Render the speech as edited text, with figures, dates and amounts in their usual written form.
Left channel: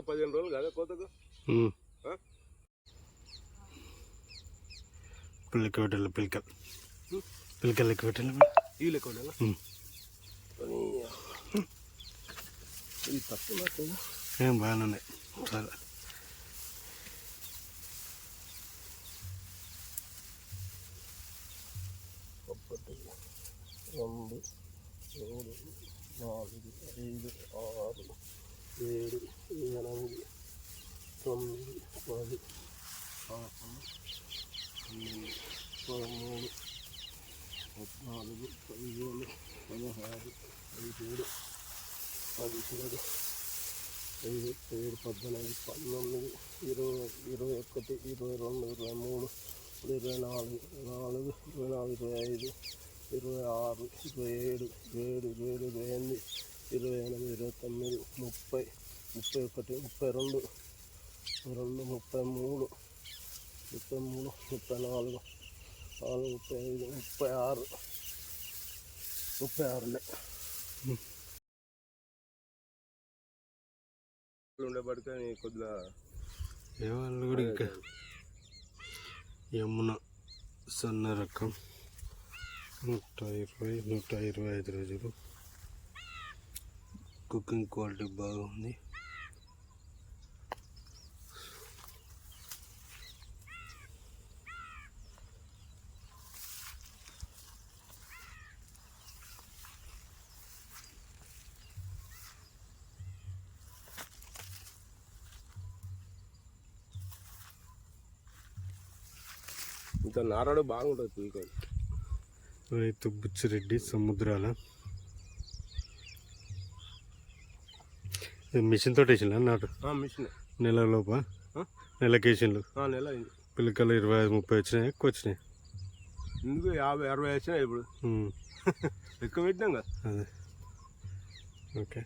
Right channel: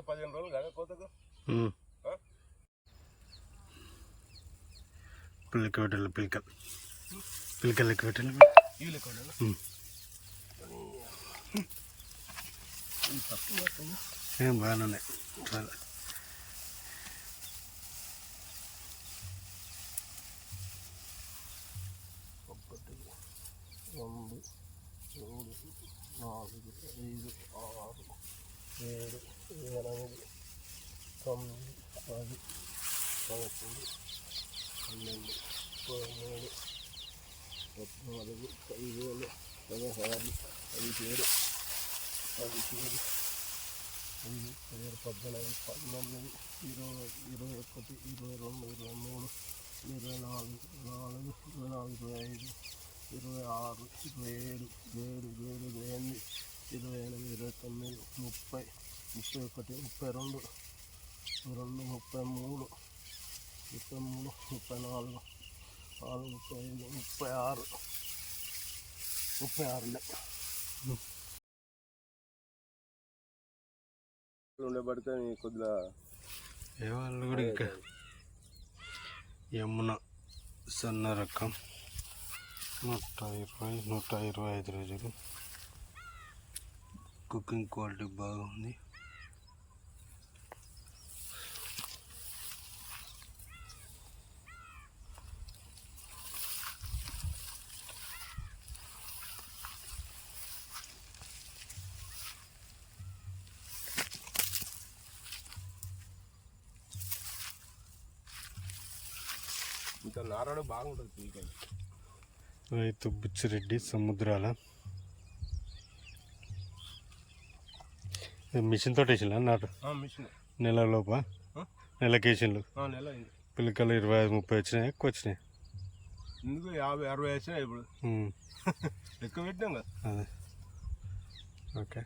ఇంకా 15 రోజులు కదా కోతకు. పిల్లకి పెట్టాలి, పిల్లకలు లెక్క పెట్టాలి, ఇవి లెక్క ఉండాలి. ఇవి తక్కువ ఏం బాగానే ఉన్నాయి చాలా. 1 2 3 4 5 6 7 8 9 10 11 12 13 14 15 16 17 18 17 18 19 20 21 22 23 24 25 26 27 28 29 30 31 32 33 34 35 36 ఉండబడితే కొద్దిగా వాళ్ళు కూడా ఇంకా యమున సన్న రకం 120-125 రోజులు. కుకింగ్ క్వాలిటీ బాగుంది. ఇంకా నారాడు బాగుంటుంది పీకాయలు. రైతు బుచ్చిరెడ్డి సముద్రాల. మిషన్ తోటి వేసిందా నాటు? మిషన్ నెలలోప నెలకేసిండ్లు. నెల పిల్లకలు 25-30 వచ్చినాయి, ఎక్కువ వచ్చినాయి. ఎందుకు 50-60 వచ్చినాయి ఇప్పుడు. ఎక్కువ పెట్టినాం కదా. అదే ఓకే.